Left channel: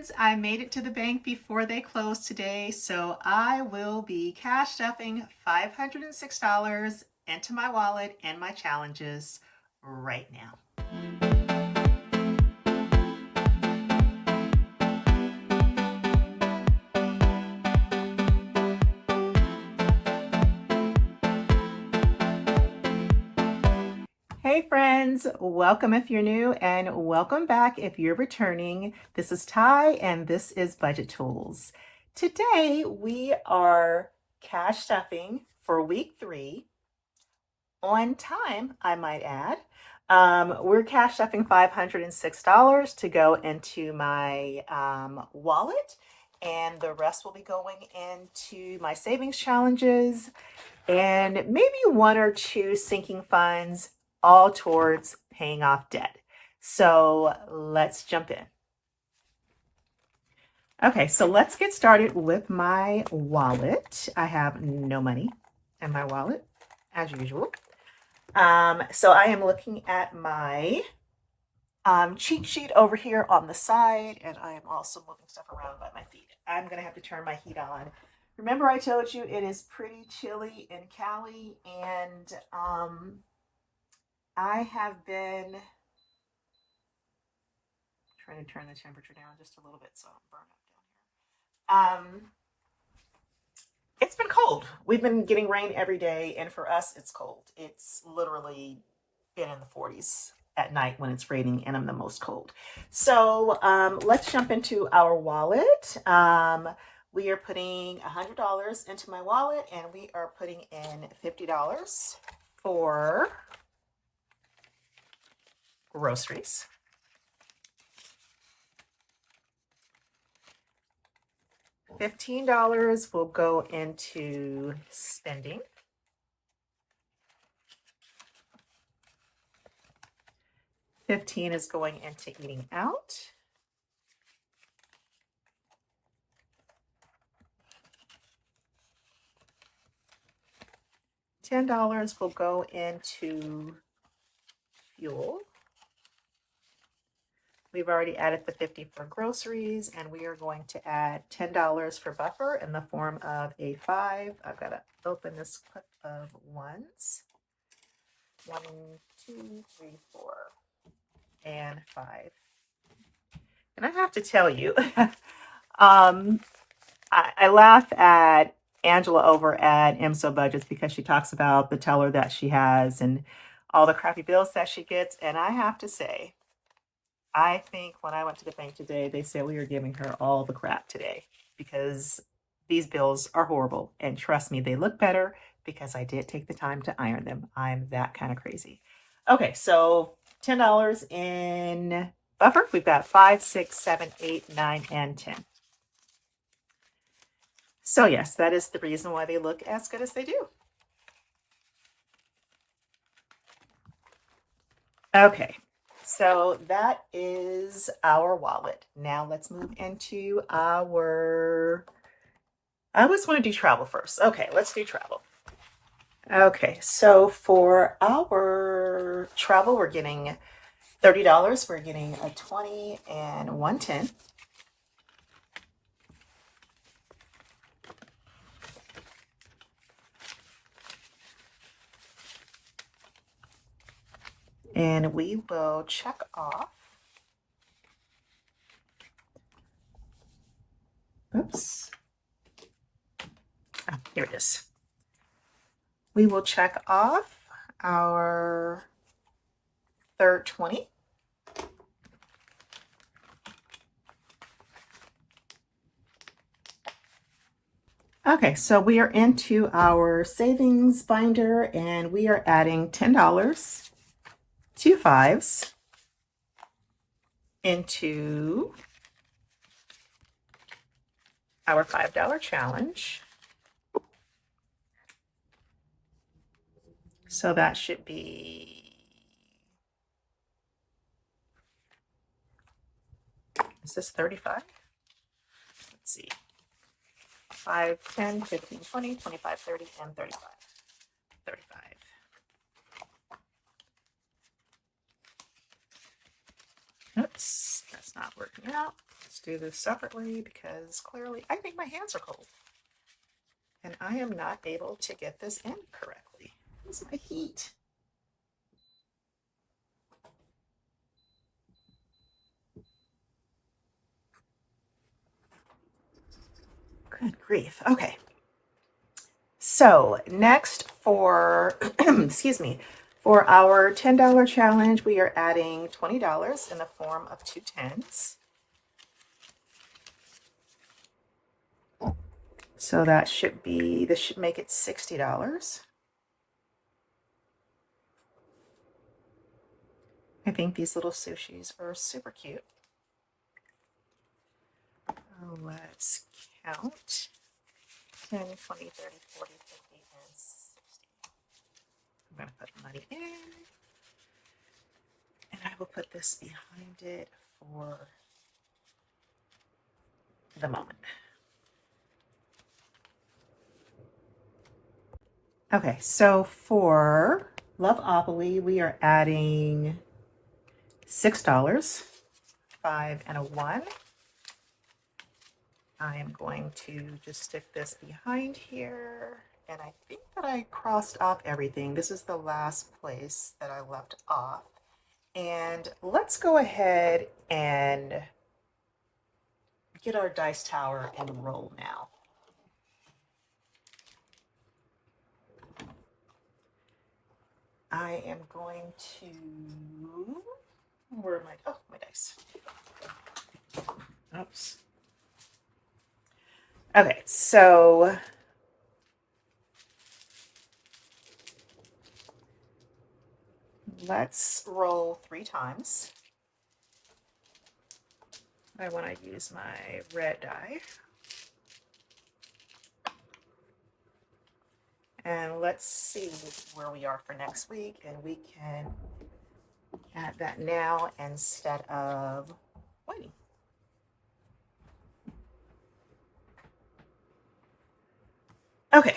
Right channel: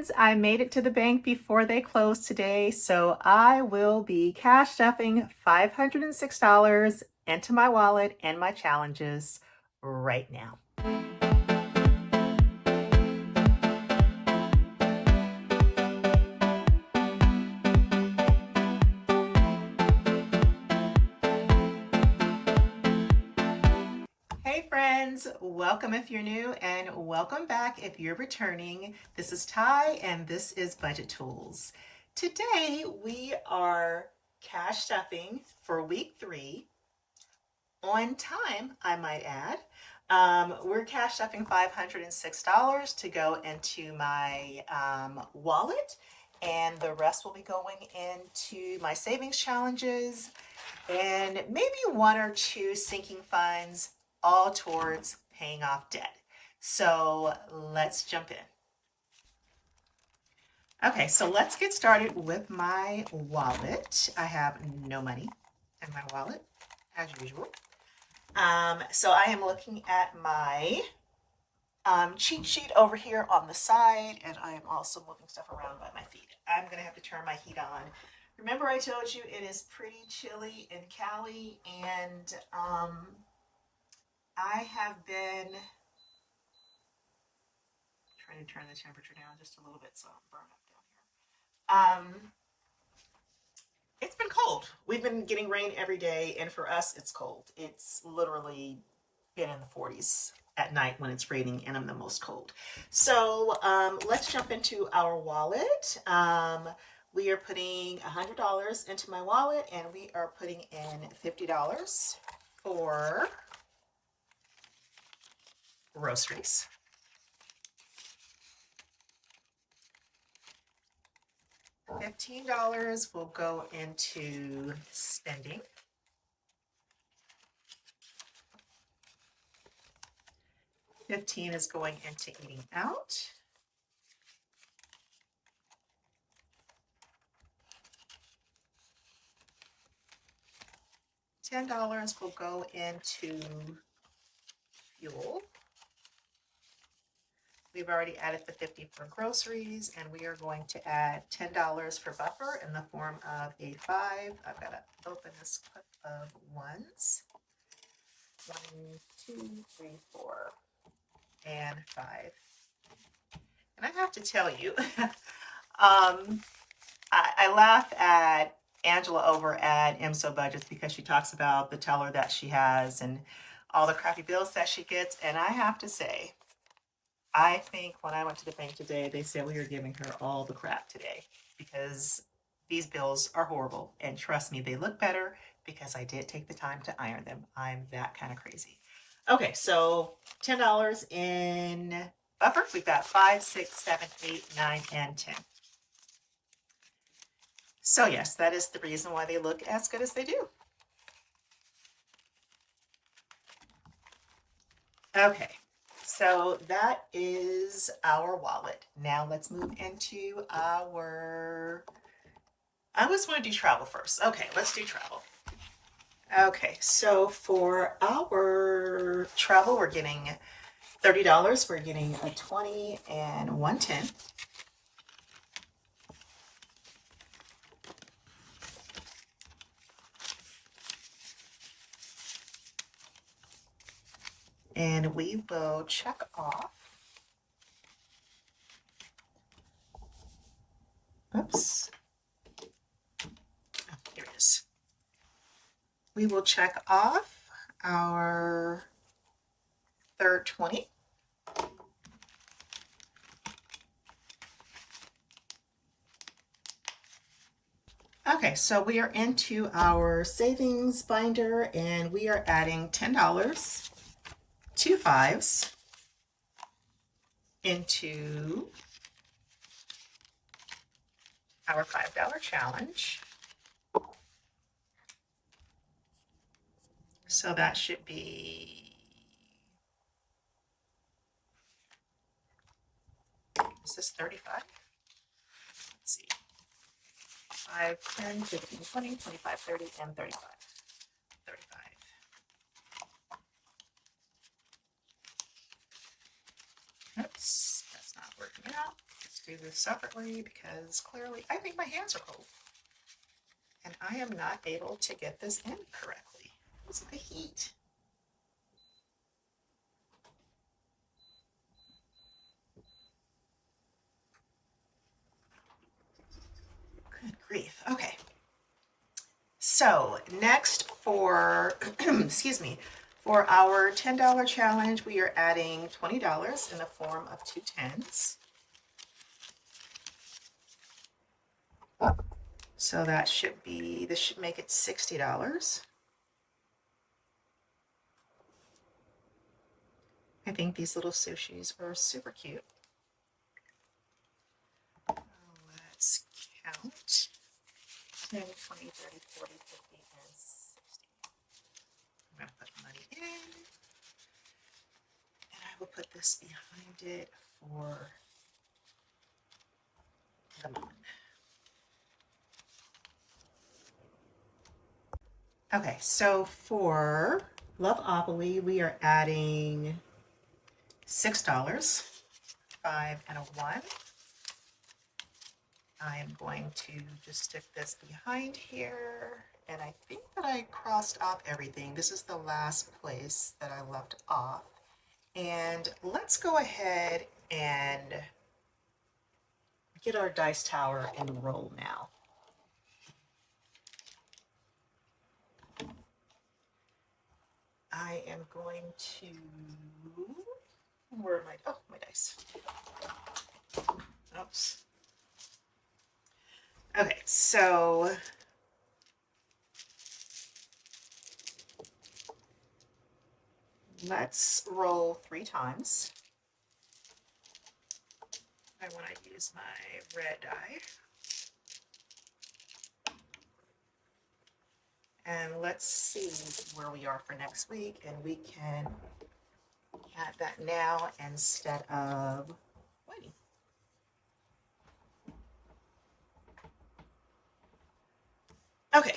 friends, I made it to the bank before they closed today, so I will be cash stuffing $506 into my wallet and my challenges right now. Hey friends, welcome if you're new and welcome back if you're returning. This is Ty and this is Budget Tools. Today we are cash stuffing for week 3 on time, I might add. We're cash stuffing $506 to go into my wallet, and the rest will be going into my savings challenges and maybe 1 or 2 sinking funds, all towards paying off debt. So let's jump in. Okay, so let's get started with my wallet. I have no money in my wallet, as usual. So I am looking at my cheat sheet over here on the side, and I am also moving stuff around by my feet. I'm gonna have to turn my heat on. Remember I told you it is pretty chilly in Cali, and I have been trying to turn the temperature down just a little bit so I don't burn up down here. It's been cold. We've been getting rain every day, and for us, it's cold. It's literally been in the 40s at night when it's raining, and I'm the most cold. So let's jump into our wallet. We are putting $100 into my wallet, and we are putting in $50 for groceries. $15 will go into spending. $15 is going into eating out. $10 will go into fuel. We've already added the 50 for groceries, and we are going to add $10 for buffer in the form of a 5. I've got to open this clip of ones. 1, 2, 3, 4, and 5. And I have to tell you, I laugh at Angela over at MSO Budgets because she talks about the teller that she has and all the crappy bills that she gets. And I have to say, I think when I went to the bank today, they said we were giving her all the crap today because these bills are horrible. And trust me, they look better because I did take the time to iron them. I'm that kind of crazy. Okay, so $10 in buffer. We've got 5, 6, 7, 8, 9, and 10. So yes, that is the reason why they look as good as they do. Okay, so that is our wallet. Now let's move into our, I always want to do travel first. Okay, let's do travel. Okay, so for our travel, we're getting $30. We're getting a 20 and 110. And we will check off. Oops. Oh, here it is. We will check off our third 20. Okay, so we are into our savings binder, and we are adding $10, 2 5s into our $5 challenge. So that should be, is this 35? Let's see. 5, 10, 15, 20, 25, 30, and 35. 35. Oops, that's not working out. Let's do this separately because clearly I think my hands are cold. And I am not able to get this in correctly. Where's my heat? Good grief. Okay. So next for, excuse me, for our $10 challenge, we are adding $20 in the form of 2 tens. So that should be, this should make it $60. I think these little sushis are super cute. Let's count 10, 20, 30, 40, 50, and 60. I'm going to put money in, and I will put this behind it for the moment. Okay, so for Loveopoly, we are adding $6, 5 and a 1. I am going to just stick this behind here, and I think that I crossed off everything. This is the last place that I left off. And let's go ahead and get our dice tower and roll now. I am going to, where are my, oh, my dice. Oops. Okay, so let's roll 3 times. I want to use my red die. And let's see where we are for next week, and we can add that now instead of waiting. Okay.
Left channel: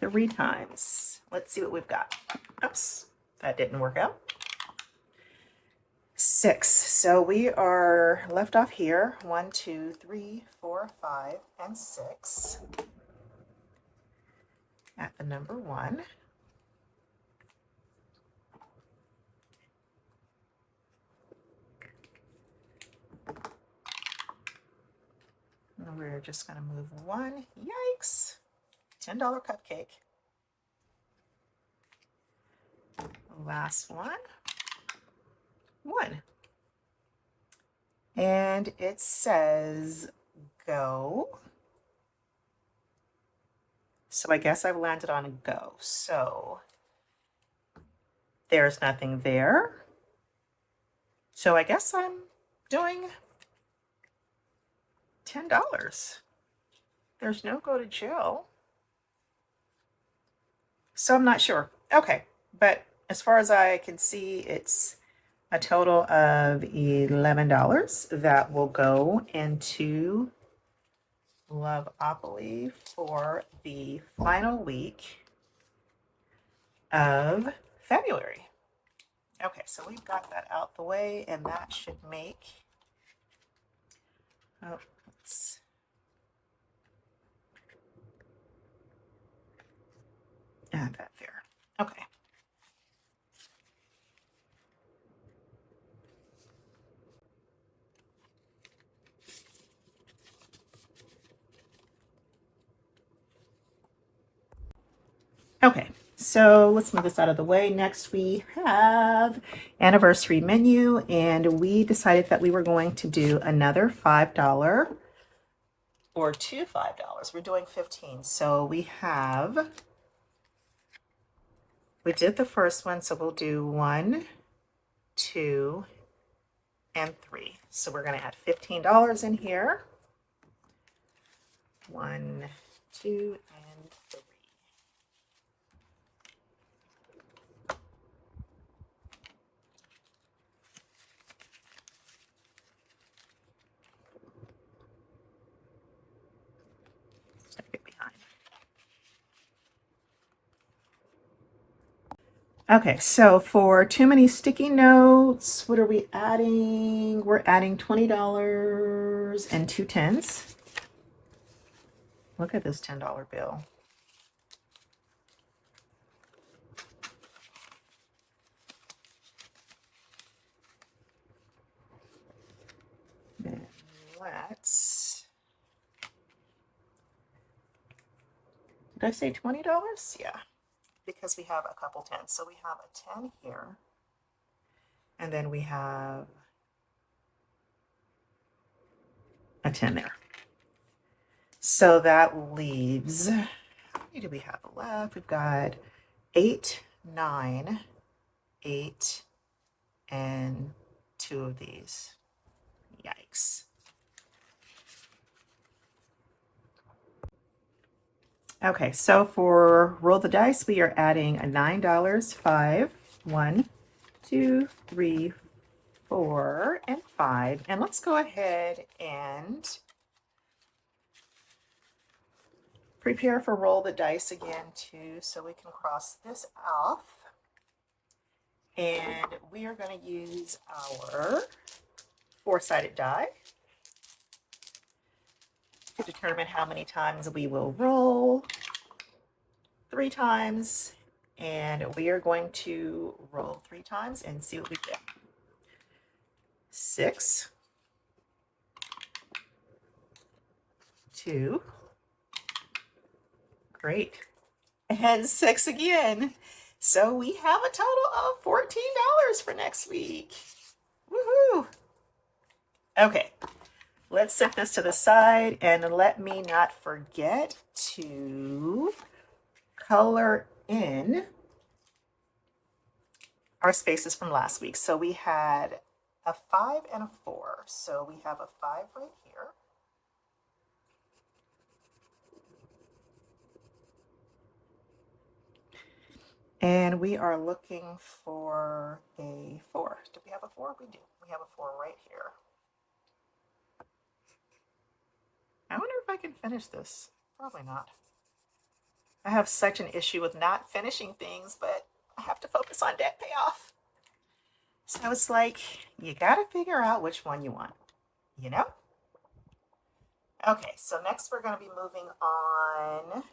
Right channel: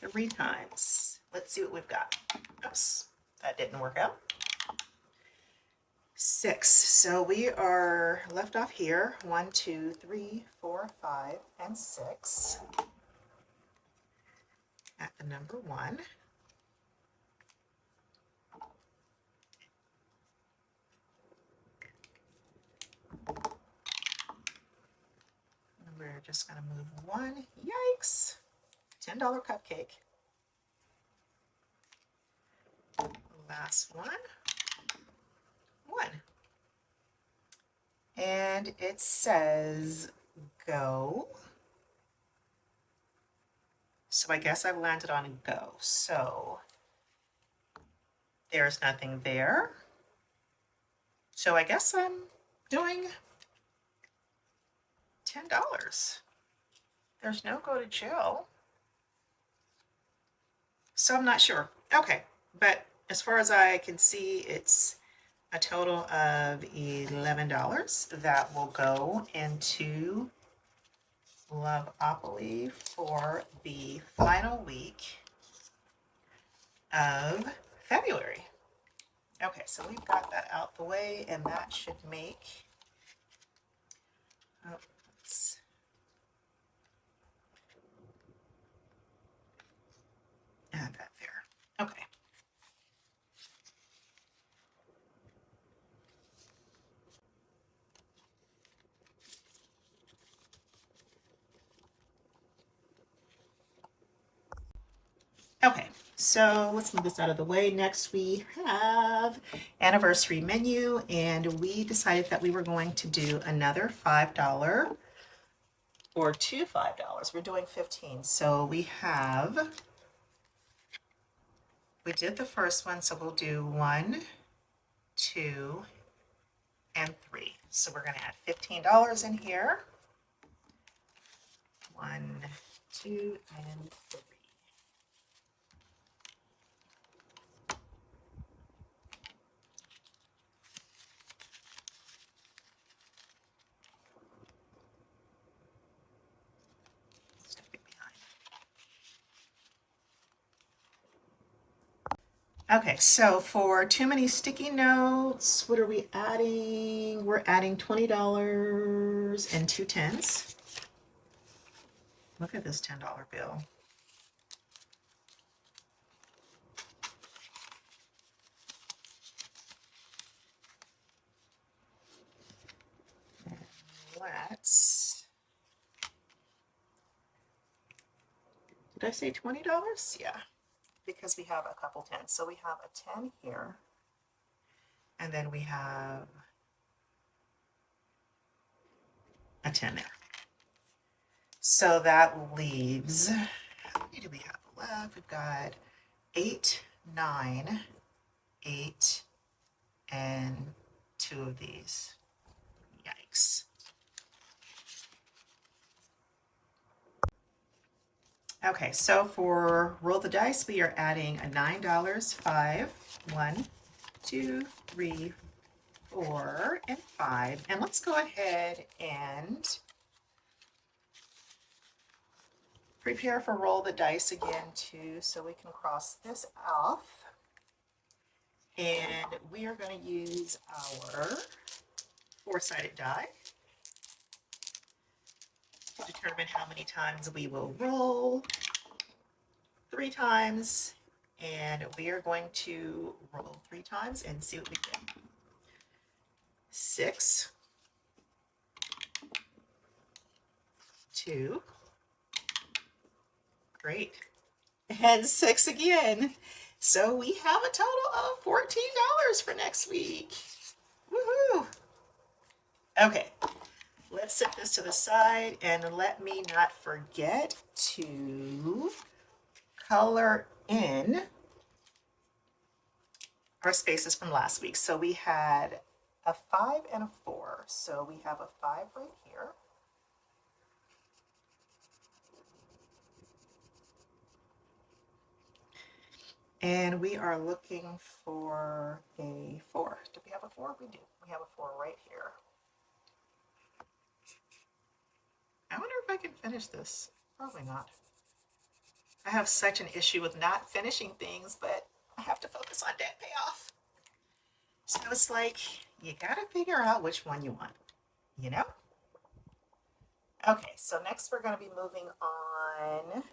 3 times. Let's see what we've got. Oops, that didn't work out. 6. So we are left off here. 1, 2, 3, 4, 5, and 6. At the number 1. And we're just going to move 1. Yikes! $10 cupcake. Last one. 1. And it says go. So I guess I've landed on go. So there's nothing there. So I guess I'm doing $10. There's no go to jail. So I'm not sure. Okay, but as far as I can see, it's a total of $11 that will go into Loveopoly for the final week of February. Okay, so we've got that out the way, and that should make, oh, let's add that there. Okay. Okay, so let's move this out of the way. Next we have anniversary menu, and we decided that we were going to do another $5 or 2 $5. We're doing 15. So we did the first one, so we'll do 1, 2, and 3. So we're going to add $15 in here. 1, 2, and 3. Stick it behind. Okay, so for too many sticky notes, what are we adding? We're adding $20 and 2 tens. Look at this $10 bill. And let's, did I say $20? Yeah, because we have a couple tens. So we have a 10 here, and then we have a 10 there. So that leaves, how many do we have left? We've got 8, 9, 8, and 2 of these. Yikes. Okay, so for roll the dice, we are adding a $9, 5, 1, 2, 3, 4, and 5. And let's go ahead and prepare for roll the dice again too, so we can cross this off. And we are going to use our 4-sided die to determine how many times we will roll. 3 times, and we are going to roll 3 times and see what we get. 6, 2, great, and 6 again. So we have a total of $14 for next week. Woohoo! Okay, let's set this to the side, and let me not forget to color in our spaces from last week. So we had a 5 and a 4. So we have a 5 right here. And we are looking for a 4. Do we have a 4? We do. We have a 4 right here. I wonder if I can finish this. Probably not. I have such an issue with not finishing things, but I have to focus on debt payoff. So it's like, you got to figure out which one you want, you know? Okay, so next we're going to be moving on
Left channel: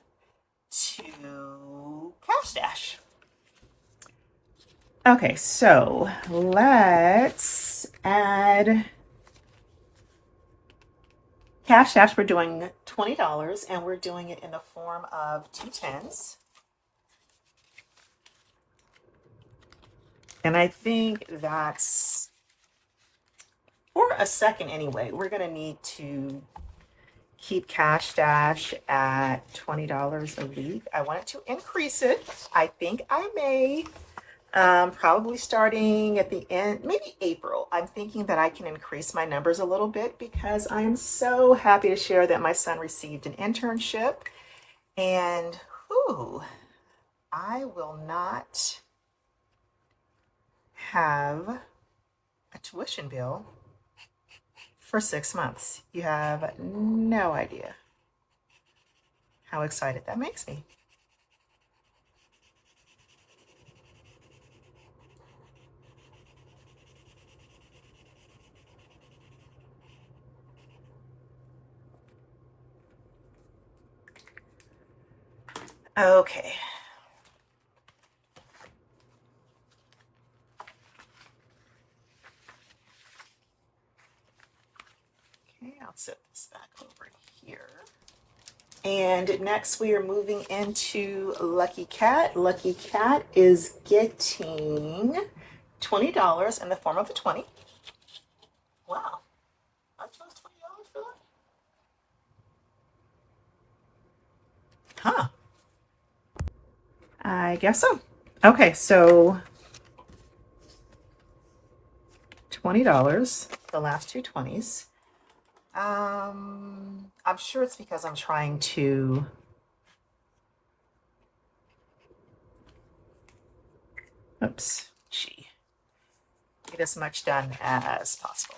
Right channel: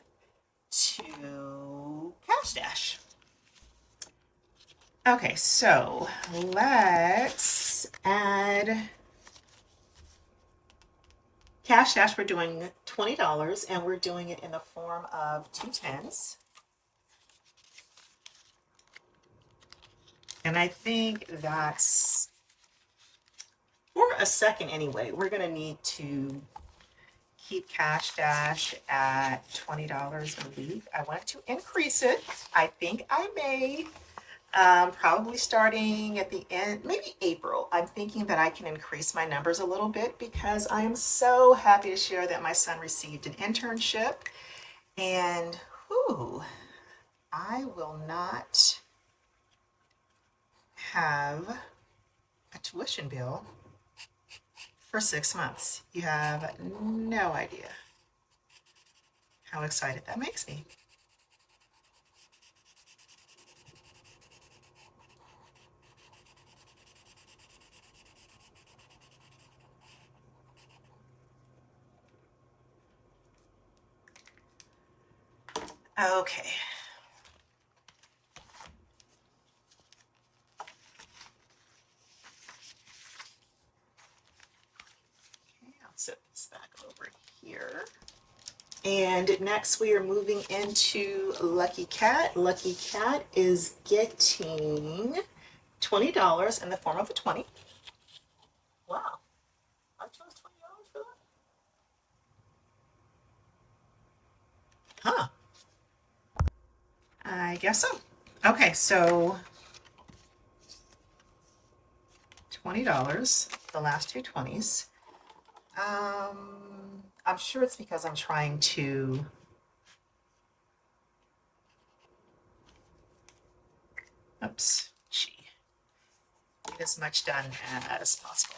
to Cash Stash. Okay, so let's add Cash Stash. We're doing $20, and we're doing it in the form of 2 tens. And I think that's, for a second anyway, we're going to need to keep Cash Stash at $20 a week. I wanted to increase it. I think I may, probably starting at the end, maybe April. I'm thinking that I can increase my numbers a little bit because I am so happy to share that my son received an internship, and whew, I will not have a tuition bill for 6 months. You have no idea how excited that makes me. Okay. Okay, I'll set this back over here. And next we are moving into Lucky Cat. Lucky Cat is getting $20 in the form of a 20. Wow, I chose $20 for that? Huh. I guess so. Okay, so $20, the last 2 20s. I'm sure it's because I'm trying to get as much done as possible.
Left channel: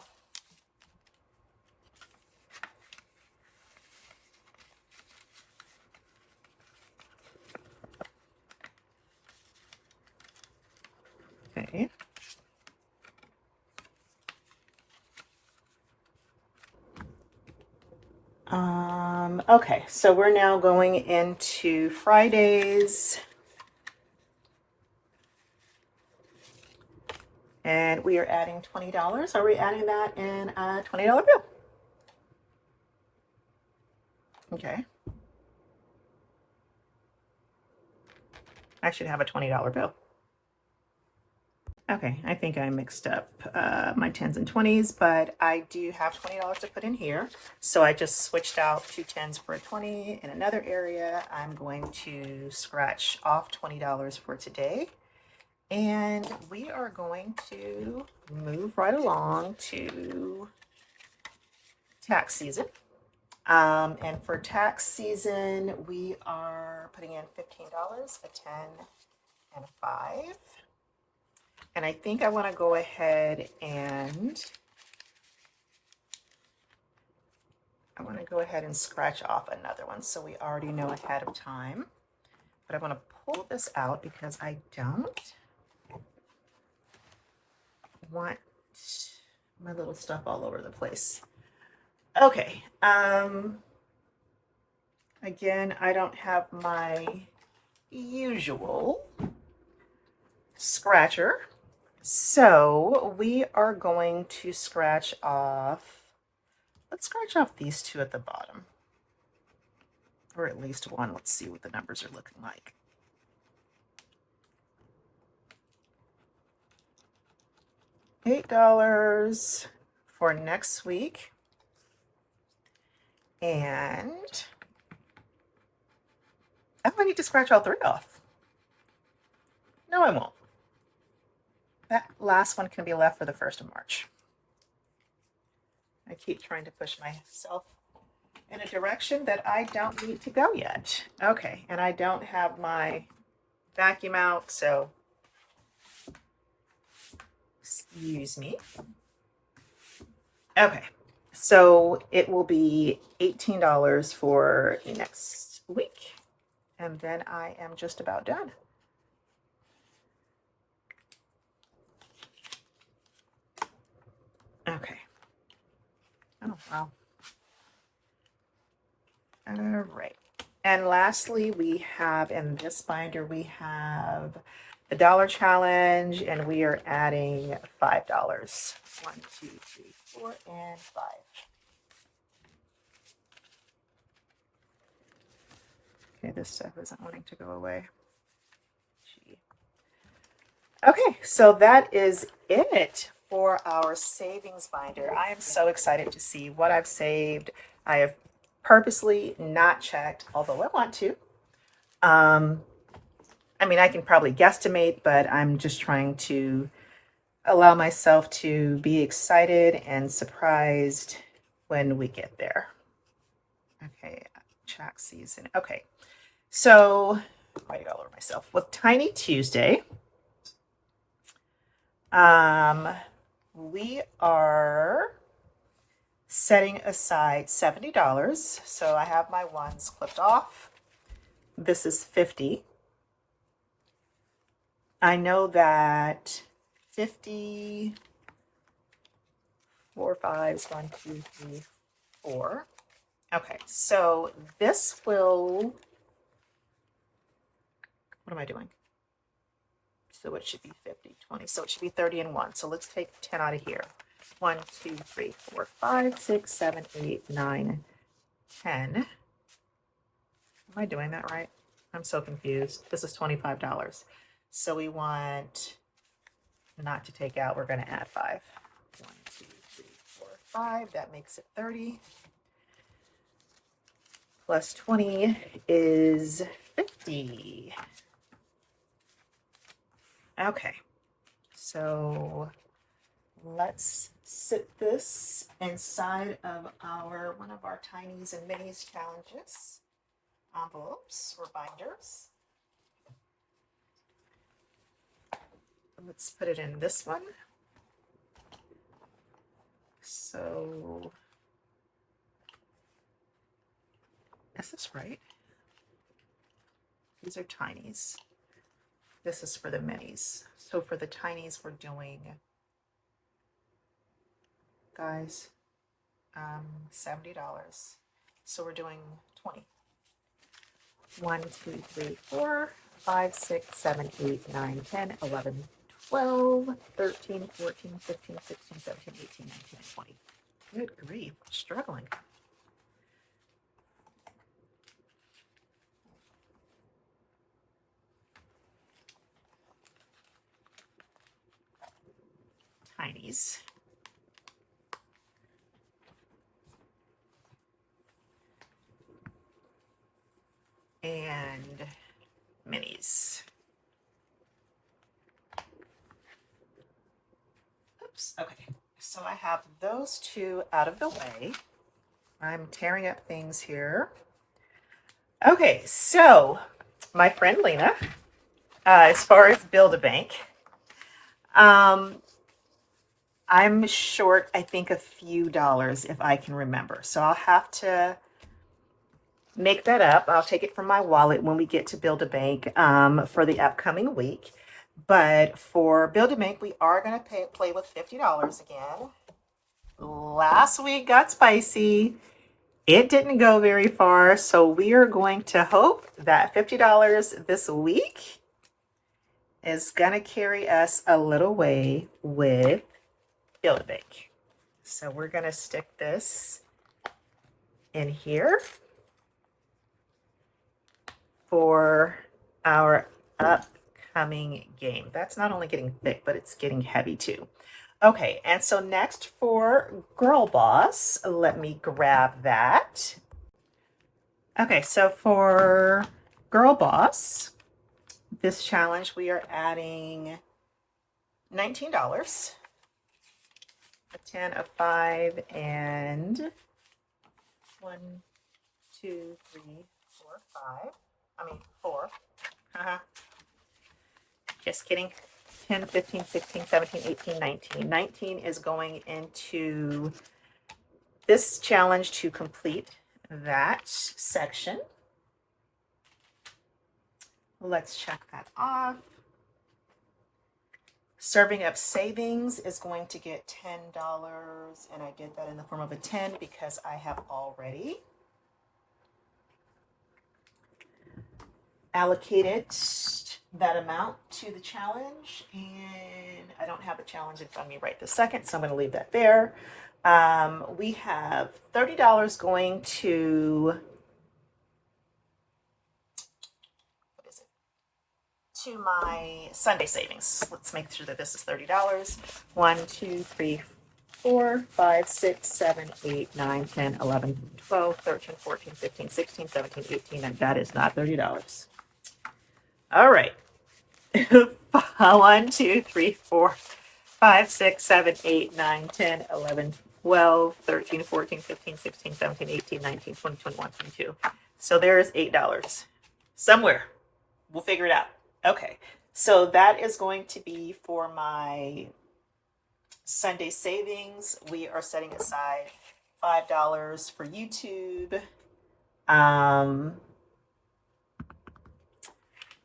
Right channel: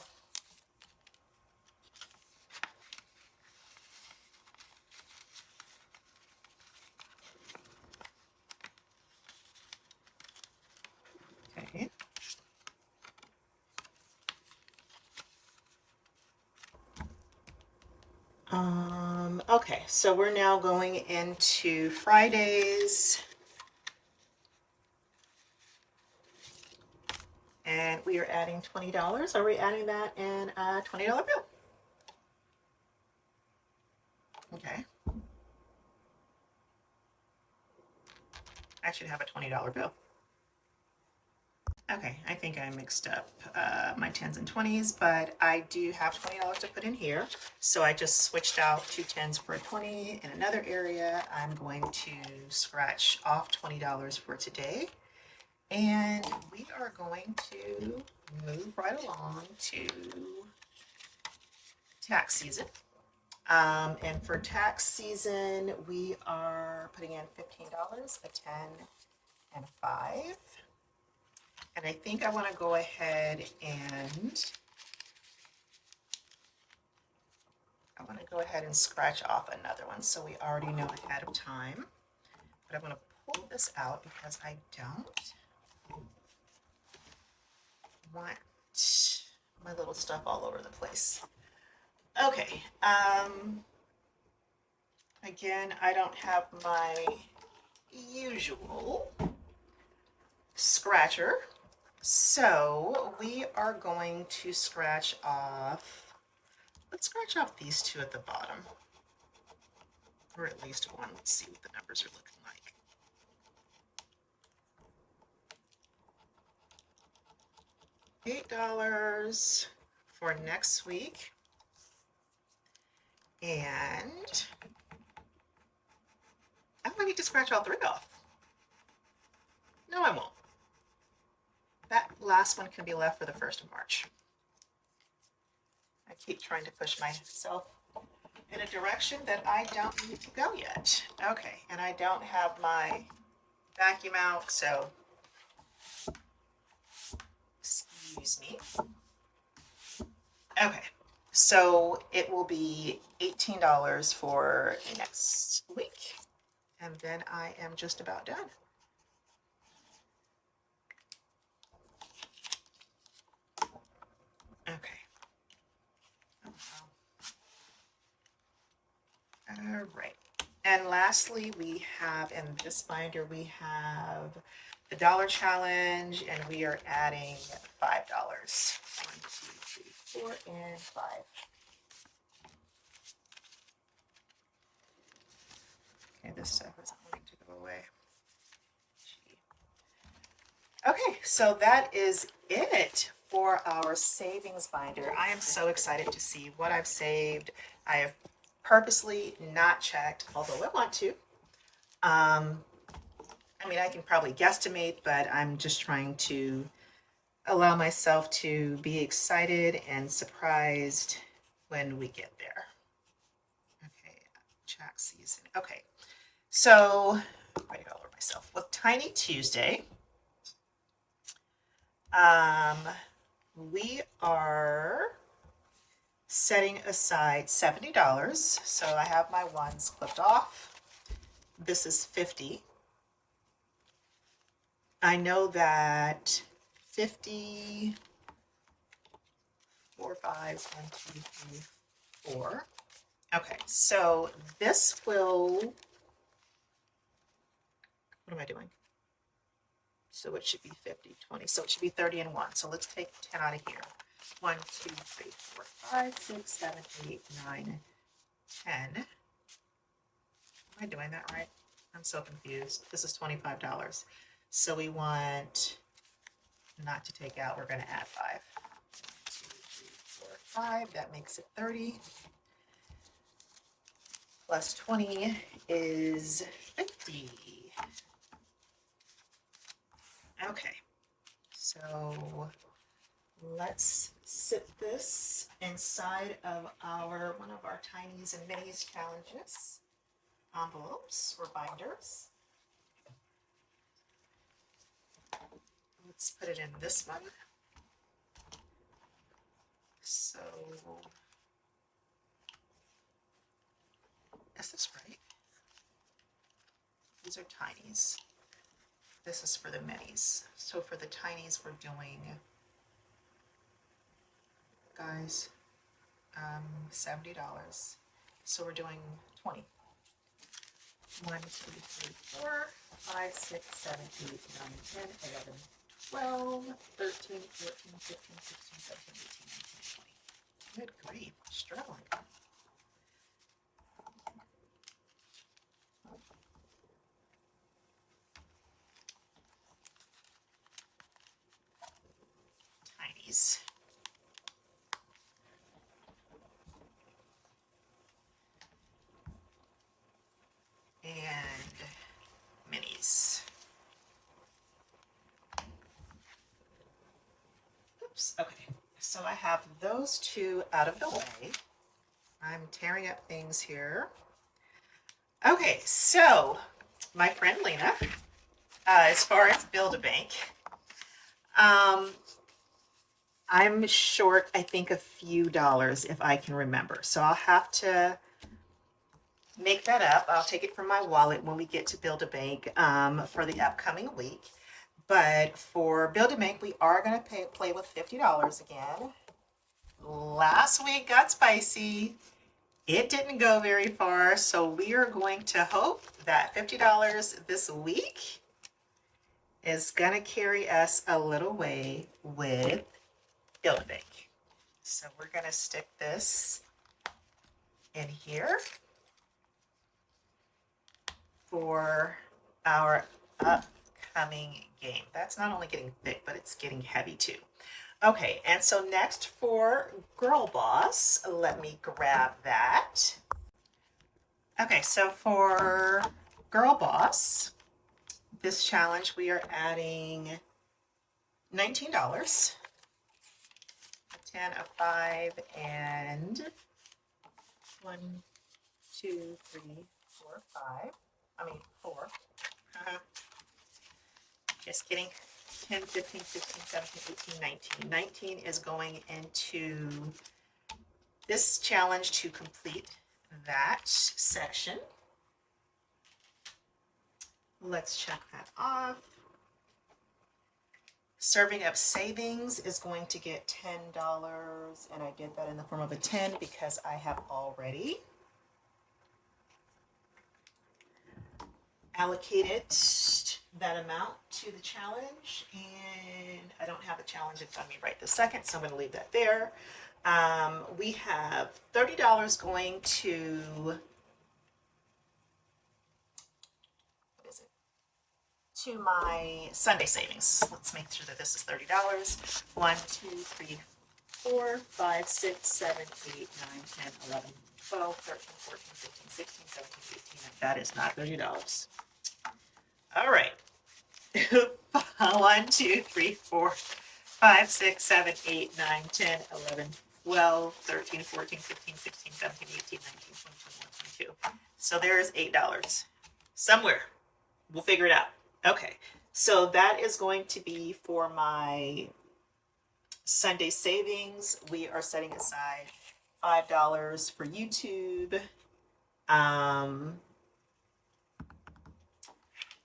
Okay, so we're now going into Fridays. And we are adding $20. Are we adding that in a $20 bill? Okay. I should have a $20 bill. Okay, I think I mixed up my 10s and 20s, but I do have $20 to put in here. So I just switched out 2 10s for a 20. In another area, I'm going to scratch off $20 for today. And we are going to move right along to tax season. And for tax season, we are putting in $15, a 10, and 5. And I think I want to go ahead and scratch off another one, so we already know ahead of time. But I want to pull this out because I don't want my little stuff all over the place. Okay. Again, I don't have my usual scratcher. So we are going to scratch off, let's scratch off these 2 at the bottom, or at least one. Let's see what the numbers are looking like. $8 for next week. And I need to scratch all 3 off. No, I won't. That last one can be left for the 1st of March. I keep trying to push myself in a direction that I don't need to go yet. Okay, and I don't have my vacuum out, so excuse me. Okay, so it will be $18 for next week, and then I am just about done. Okay. Oh, wow. All right. And lastly, we have in this binder, we have the dollar challenge, and we are adding $5. 1, 2, 3, 4, and 5. Okay, this stuff isn't wanting to go away. Gee. Okay, so that is it for our savings binder. I am so excited to see what I've saved. I have purposely not checked, although I want to. I mean, I can probably guesstimate, but I'm just trying to allow myself to be excited and surprised when we get there. Okay, tax season. Okay, so writing all over myself. With Tiny Tuesday, we are setting aside $70. So I have my ones clipped off. This is 50. I know that 50, 4 5s, 1, 2, 3, 4. Okay, so this will, what am I doing? So it should be 50, 20. So it should be 30 and 1. So let's take 10 out of here. 1, 2, 3, 4, 5, 6, 7, 8, 9, 10. Am I doing that right? I'm so confused. This is $25. So we want not to take out, we're going to add 5. 1, 2, 3, 4, 5. That makes it 30. Plus 20 is 50. Okay, so let's sit this inside of one of our tinies and minis challenges envelopes or binders. Let's put it in this one. So is this right? These are tinies. This is for the minis. So for the tinies, we're doing, guys, $70. So we're doing 20. 1, 2, 3, 4, 5, 6, 7, 8, 9, 10, 11, 12, 13, 14, 15, 16, 17, 18, 19, and 20. Good grief, I'm struggling. Tinies. And minis. Oops, okay. So I have those two out of the way. I'm tearing up things here. Okay, so my friend Lena, as far as Build-A-Bank, I'm short, I think, a few dollars if I can remember. So I'll have to make that up. I'll take it from my wallet when we get to Build-A-Bank for the upcoming week. But for Build-A-Bank, we are going to play with $50 again. Last week got spicy. It didn't go very far, so we are going to hope that $50 this week is going to carry us a little way with Build-A-Bank. So we're going to stick this in here for our upcoming game. That's not only getting thick, but it's getting heavy too. Okay, and so next for Girl Boss, let me grab that. Okay, so for Girl Boss, this challenge, we are adding $19, a 10, a 5, and 1, 2, 3, 4, 5. I mean, 4. Just kidding. 10, 15, 16, 17, 18, 19. 19 is going into this challenge to complete that section. Let's check that off. Serving up savings is going to get $10, and I did that in the form of a 10 because I have already allocated that amount to the challenge, and I don't have the challenge in front of me right this second, so I'm going to leave that there. We have $30 going to, what is it? To my Sunday savings. Let's make sure that this is $30. 1, 2, 3, 4, 5, 6, 7, 8, 9, 10, 11, 12, 13, 14, 15, 16, 17, 18, and that is not $30. All right. 1, 2, 3, 4, 5, 6, 7, 8, 9, 10, 11, 12, 13, 14, 15, 16, 17, 18, 19, 20, 21, 22. So there's $8 somewhere. We'll figure it out. Okay, so that is going to be for my Sunday savings. We are setting aside $5 for YouTube.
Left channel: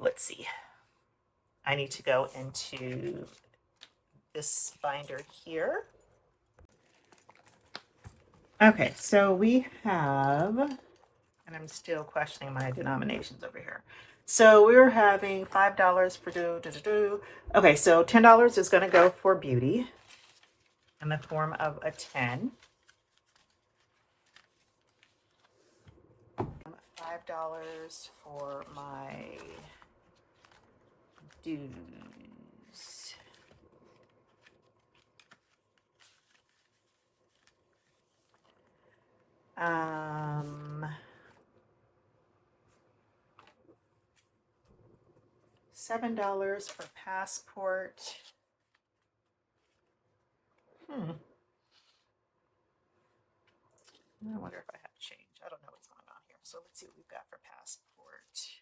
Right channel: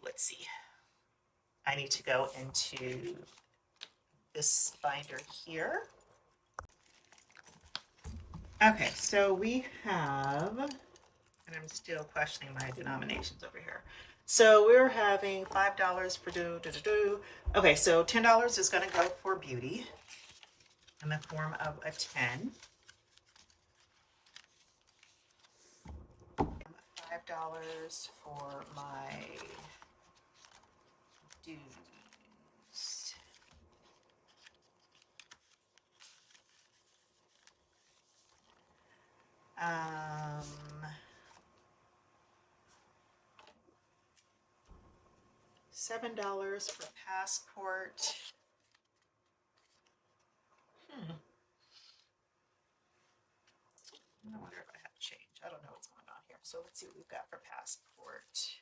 Let's see. I need to go into this binder here. Okay, so we have, and I'm still questioning my denominations over here. So we're having $5 for Okay, so $10 is going to go for beauty in the form of a 10. $5 for my dues. $7 for passport. I wonder if I have change. I don't know what's going on here. So let's see what we've got for passport.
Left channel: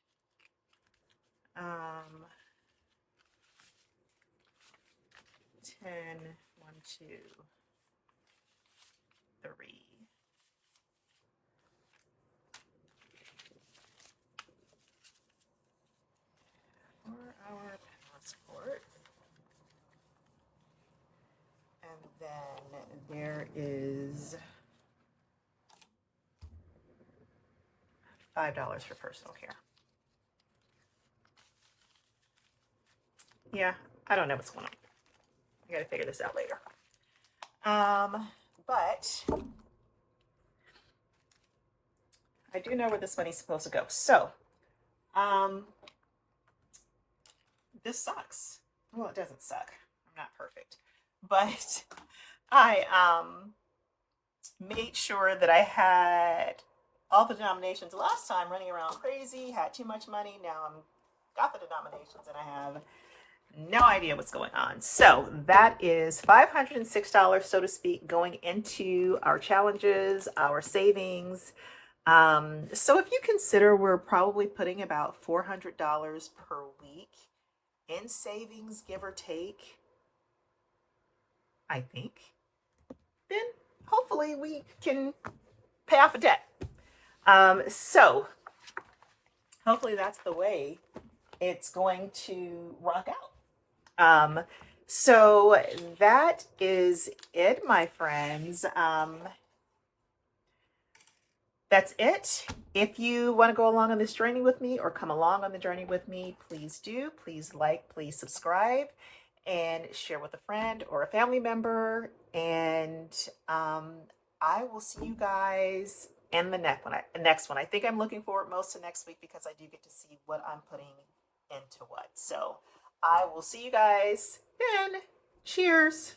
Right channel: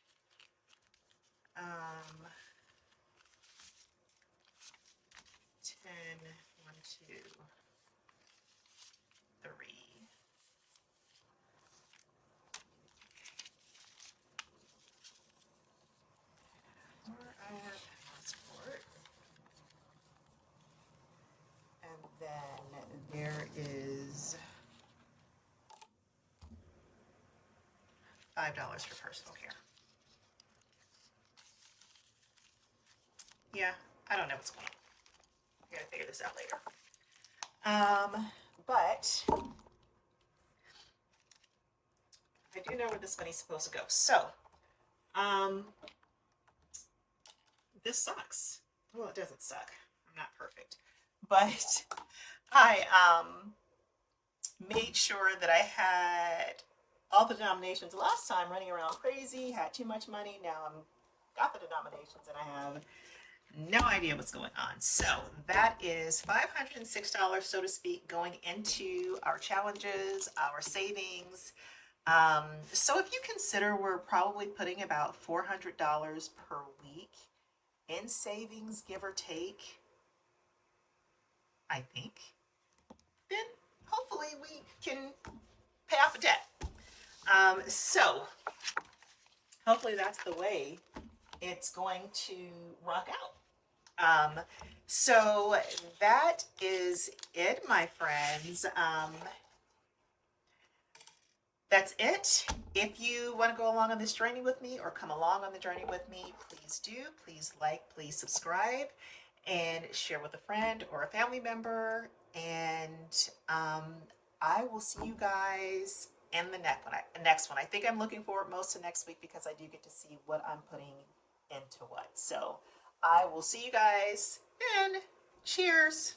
10, 1, 2, 3. For our passport. And then there is $5 for personal care. Yeah, I don't know what's going on. I gotta figure this out later. But I do know where this money's supposed to go. So, this sucks. Well, it doesn't suck. I'm not perfect. But I made sure that I had all the denominations last time, running around crazy, had too much money. Now I'm got the denominations and I have no idea what's going on. So that is $506, so to speak, going into our challenges, our savings. So if you consider we're probably putting about $400 per week in savings, give or take, I think, then hopefully we can pay off a debt. So hopefully that's the way it's going to rock out. So that is it, my friends. That's it. If you want to go along on this journey with me or come along on the journey with me, please do. Please like, please subscribe, and share with a friend or a family member. And I will see you guys in the next one. I think I'm looking forward most to next week because I do get to see what I'm putting into what. So I will see you guys then. Cheers.